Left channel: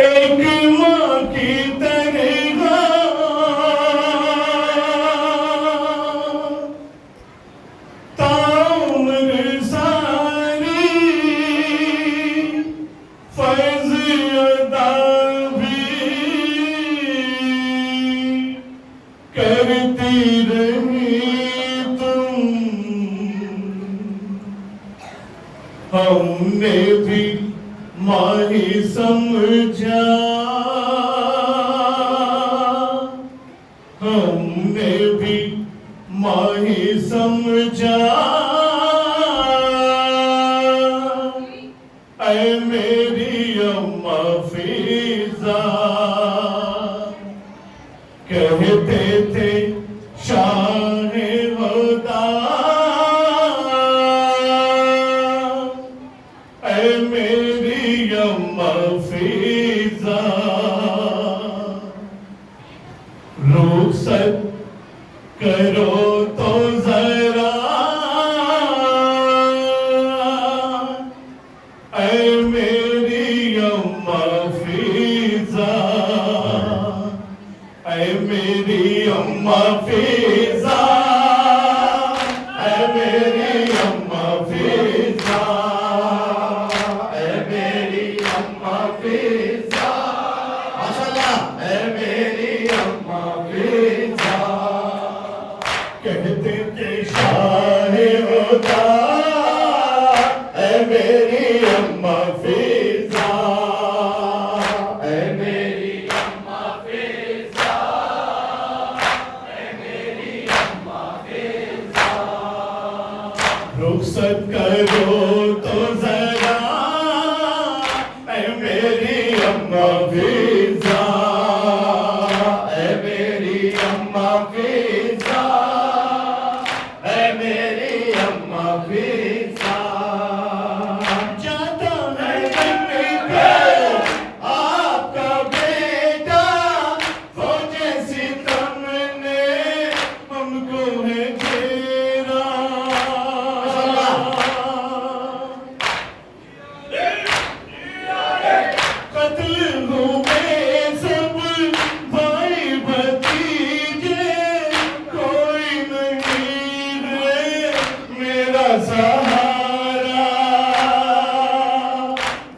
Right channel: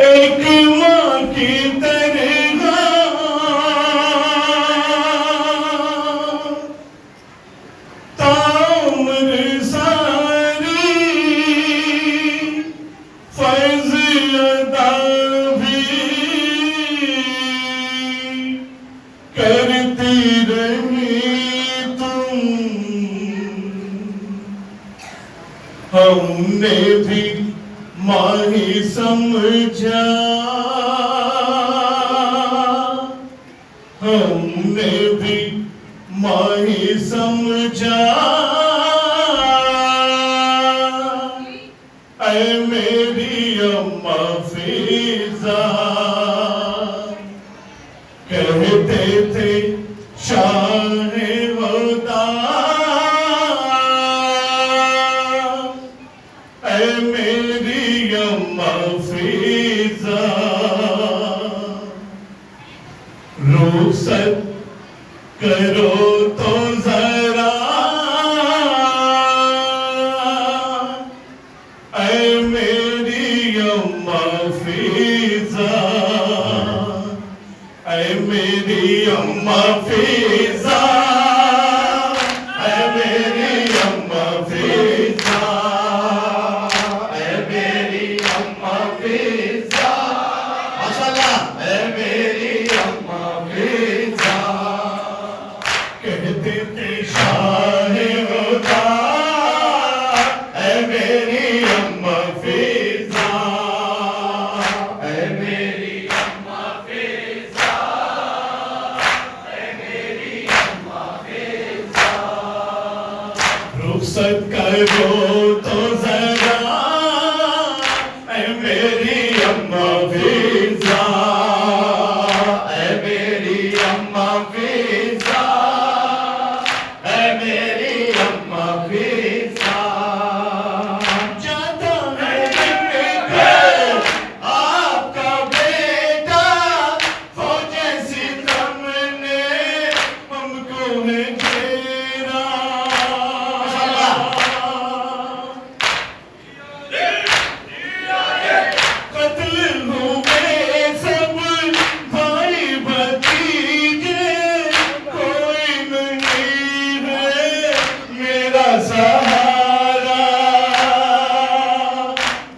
एक माँ की तरह ताउम्र सारी फर्ज अदा भी करती रही तुम। हमने भी माही समझा, हमने भी माही समझा। ऐ मेरी अम्मा फिजा, कहते थे शाहे वदा। ऐ मेरी अम्मा फिजा, रुखसत करो तो जरा। ऐ मेरी अम्मा फिजा, ऐ मेरी अम्मा फिजा, ऐ मेरी अम्मा फिजा, ऐ मेरी अम्मा फिजा। माशाअल्लाह। ऐ मेरी अम्मा फिजा, कहते थे शाहे वदा। ऐ मेरी अम्मा फिजा, ऐ मेरी अम्मा फिजा, ऐ मेरी अम्मा फिजा। रुखसत करो तो जरा। ऐ मेरी अम्मा फिजा, ऐ मेरी अम्मा फिजा, ऐ मेरी अम्मा फिजा। जाता है घर आपका बेटा, वो जैसी तुमने हमको है घेरा। कत्ल हुए सब भाई भतीजे, कोई नहीं है मेरा सहारा।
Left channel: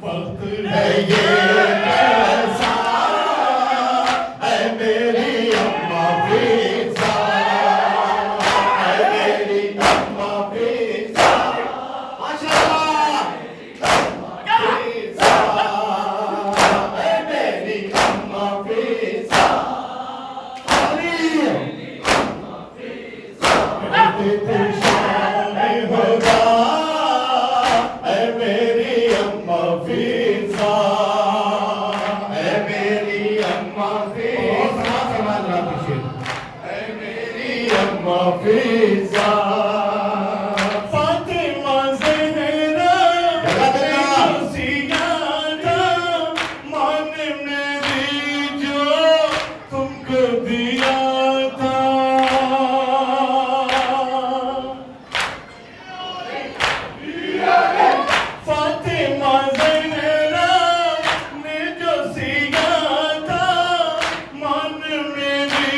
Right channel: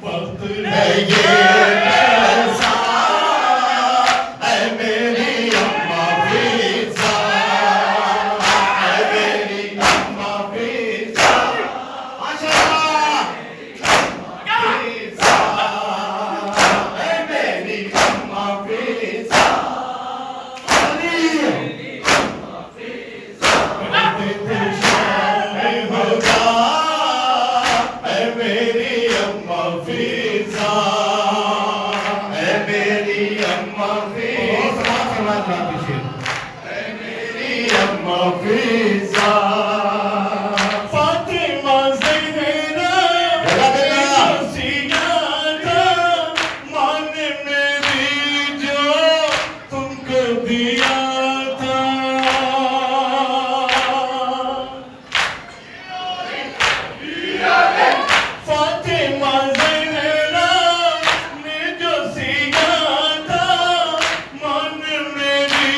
वक्त है ये कैसा, ऐ मेरी अम्मा फिजा, ऐ मेरी अम्मा फिजा। माशाअल्लाह। फिजा, ऐ मेरी अम्मा फिजा। कहते थे शाहे वदा। ऐ मेरी अम्मा फिजा, ऐ मेरी अम्मा फिजा, ऐ मेरी अम्मा फिजा। फातिमा ज़हरा सियादा, माँ ने मेरी जो तुमको दिया था। फातिमा ज़हरा ने जो सिया था, माँ ने मेरी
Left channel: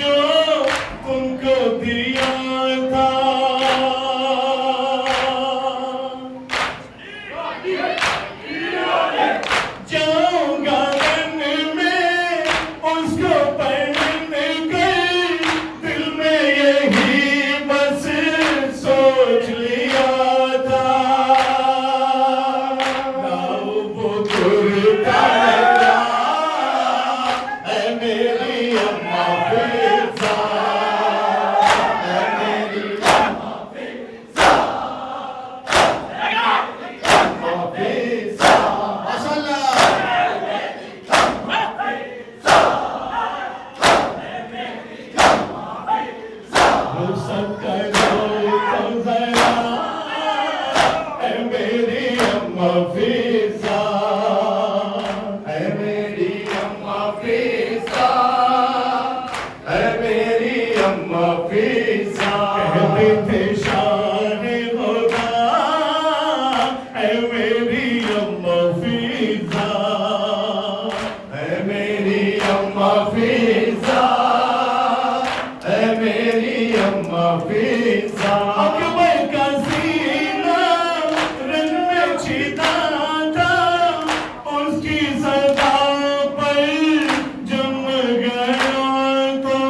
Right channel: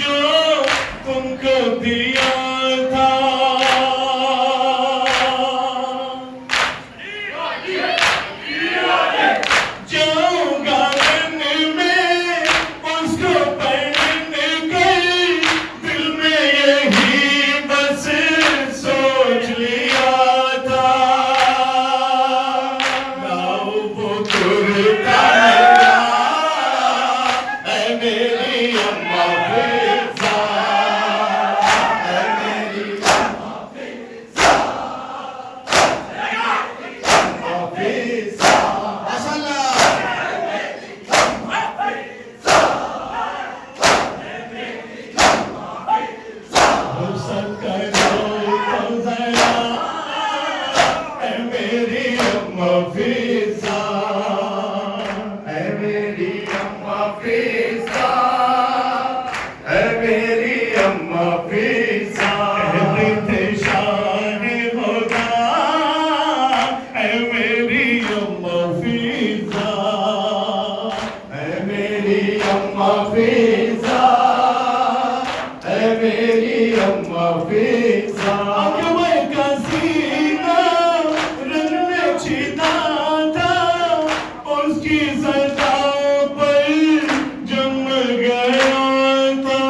जो तुमको दिया था। जाऊंगा दिन में उसको पढ़ने गई, दिल में यही बस सोच लिया था। लाओ वो कुर्ता मेरा, ऐ मेरी अम्मा फिजा, ऐ मेरी अम्मा फिजा, अम्मा फिजा। माशाअल्लाह। रुखसत करो तो जरा। ऐ मेरी अम्मा फिजा, ऐ मेरी अम्मा फिजा, ऐ मेरी अम्मा फिजा। कहते थे शाहे वदा, ऐ मेरी अम्मा फिजा। अम्मा फिजा, है मेरी अम्मा फिजा। अकबर का सीना रंग में छिदा था, उसकी सदा पर जम गया था।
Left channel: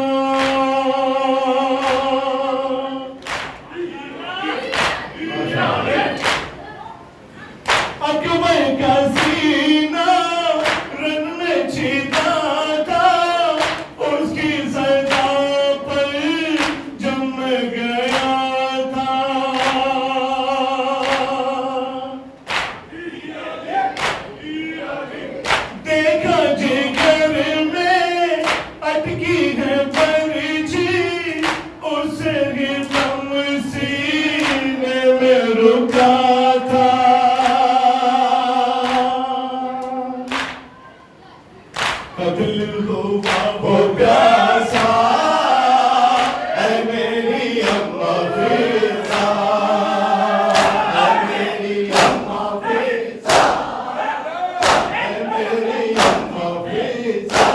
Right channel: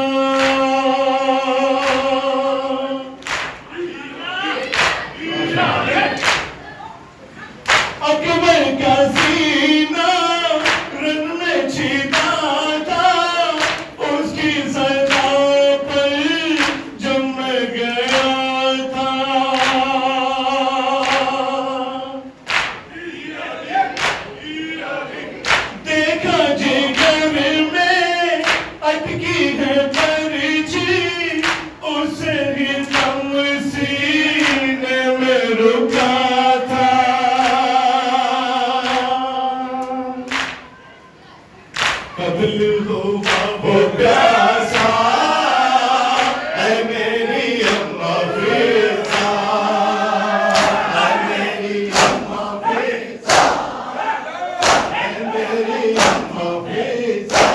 अकबर का सीना रंग में छिदा था, उसकी सदा पर जम गया था। देखा जिगर में अटकी है पर्ची, उसे ही दम सीने में रुका था। कत्ल हुआ वो प्यासा, है मेरी अम्मा फिजा, है मेरी अम्मा फिजा, है मेरी अम्मा फिजा,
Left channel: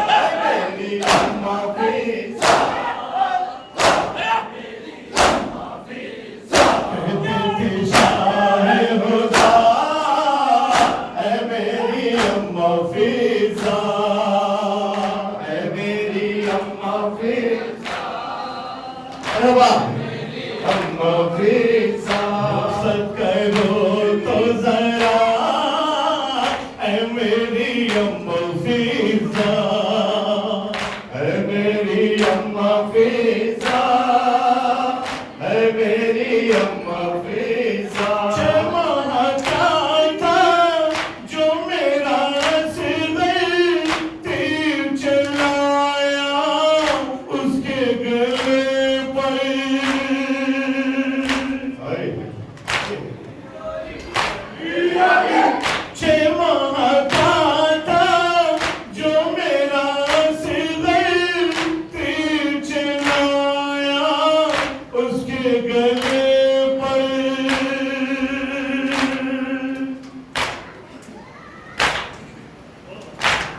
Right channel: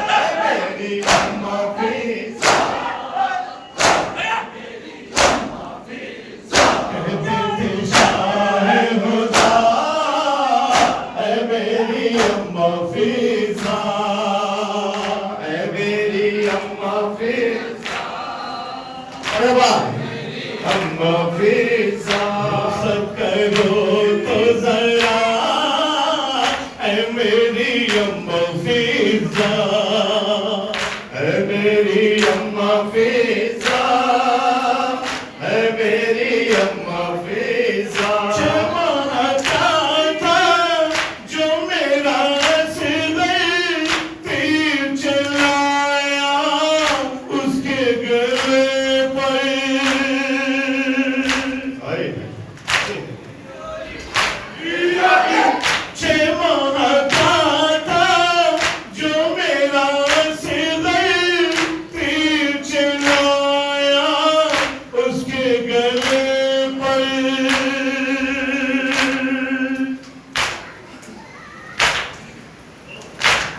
है मेरी अम्मा फिजा। कहती थी शाह हुदा, है मेरी अम्मा फिजा, है मेरी अम्मा फिजा। अरे वाह, अम्मा फिजा। सब करो तो जरा, है मेरी अम्मा फिजा, है मेरी अम्मा फिजा, है मेरी अम्मा फिजा। चमकता था जो मेरा सिर तीर चलाया उसके गले पर। चमकता था जो मेरा सिर तीर चलाया उसके गले पर।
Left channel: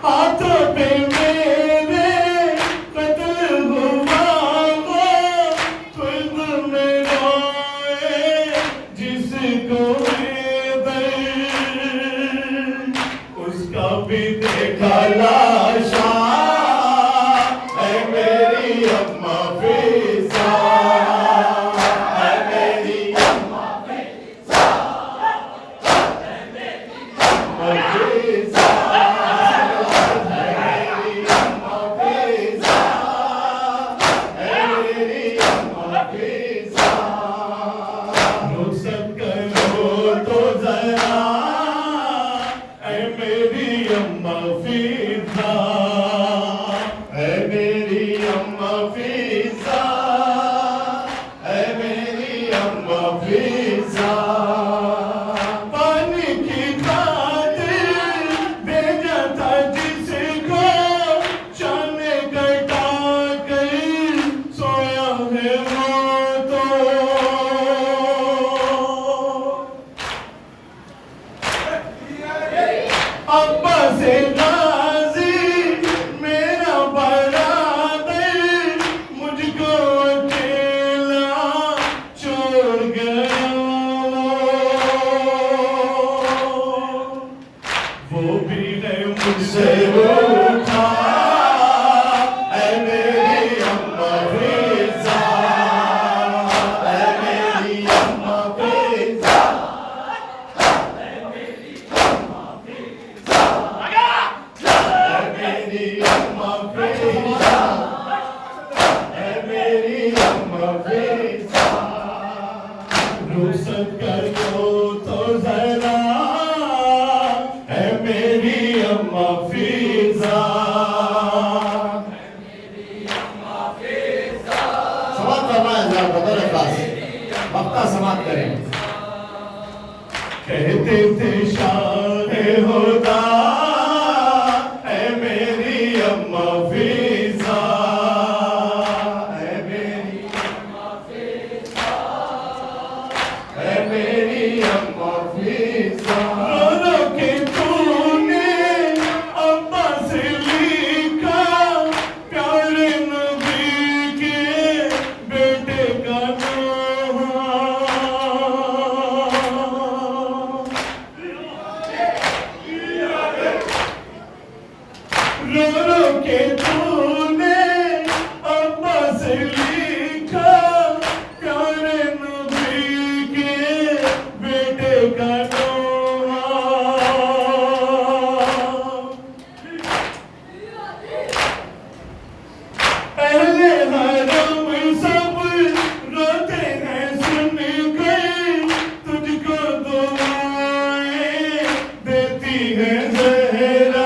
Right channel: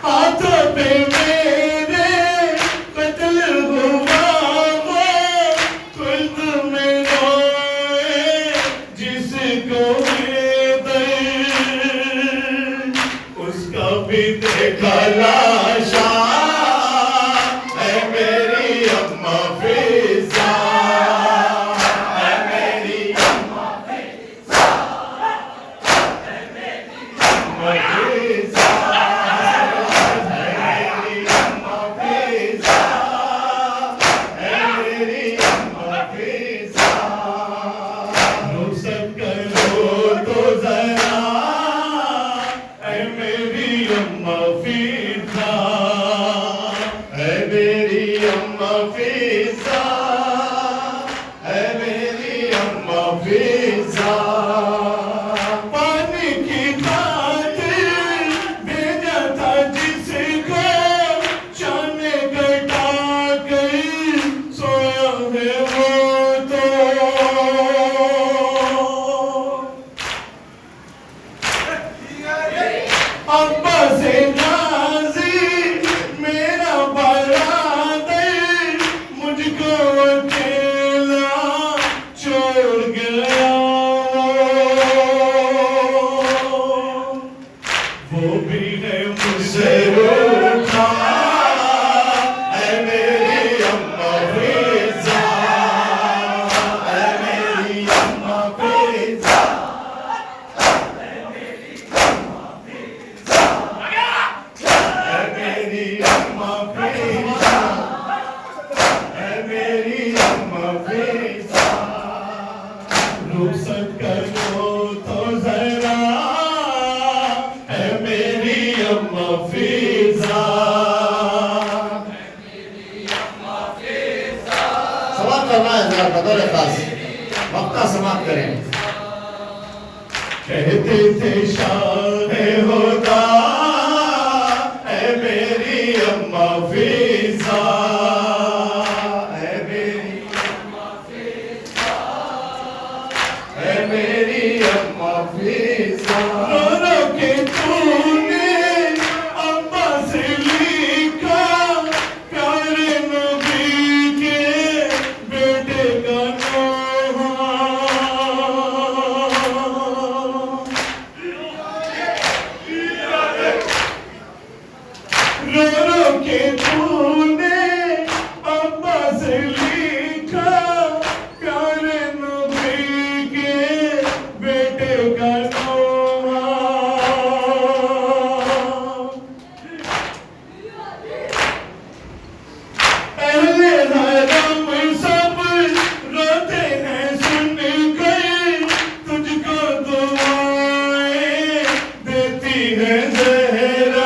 हाथों पे मेरे कत्ल हुआ वो, खुद में रोए जिसको दर्द, उसका भी देखा लाशा, है मेरी अम्मा फिजा, है मेरी अम्मा फिजा, है मेरी अम्मा फिजा, है मेरी अम्मा फिजा, है मेरी अम्मा फिजा। रुखसत करो तो जरा, है मेरी अम्मा फिजा, है मेरी अम्मा फिजा, है मेरी अम्मा फिजा। पानी की खातिर भेजा था जिसको, चाने कटा कर सोया है वो तो। अब्बा से नाज़ी मेरा बरादर, मुझको अकेला छोड़ गया वो भी है मुझसे रूठा, है मेरी अम्मा फिजा, है मेरी अम्मा फिजा, है मेरी अम्मा फिजा, है मेरी अम्मा फिजा, है मेरी अम्मा फिजा। रुखसत करो तो जरा, है मेरी अम्मा फिजा। समाप्त करना है जरा बदल खास वक्ता समाप्त करें। कहते थे शाह होदा, है मेरी अम्मा फिजा, है मेरी अम्मा फिजा, है मेरी अम्मा फिजा। रो रो के तूने अम्मा से है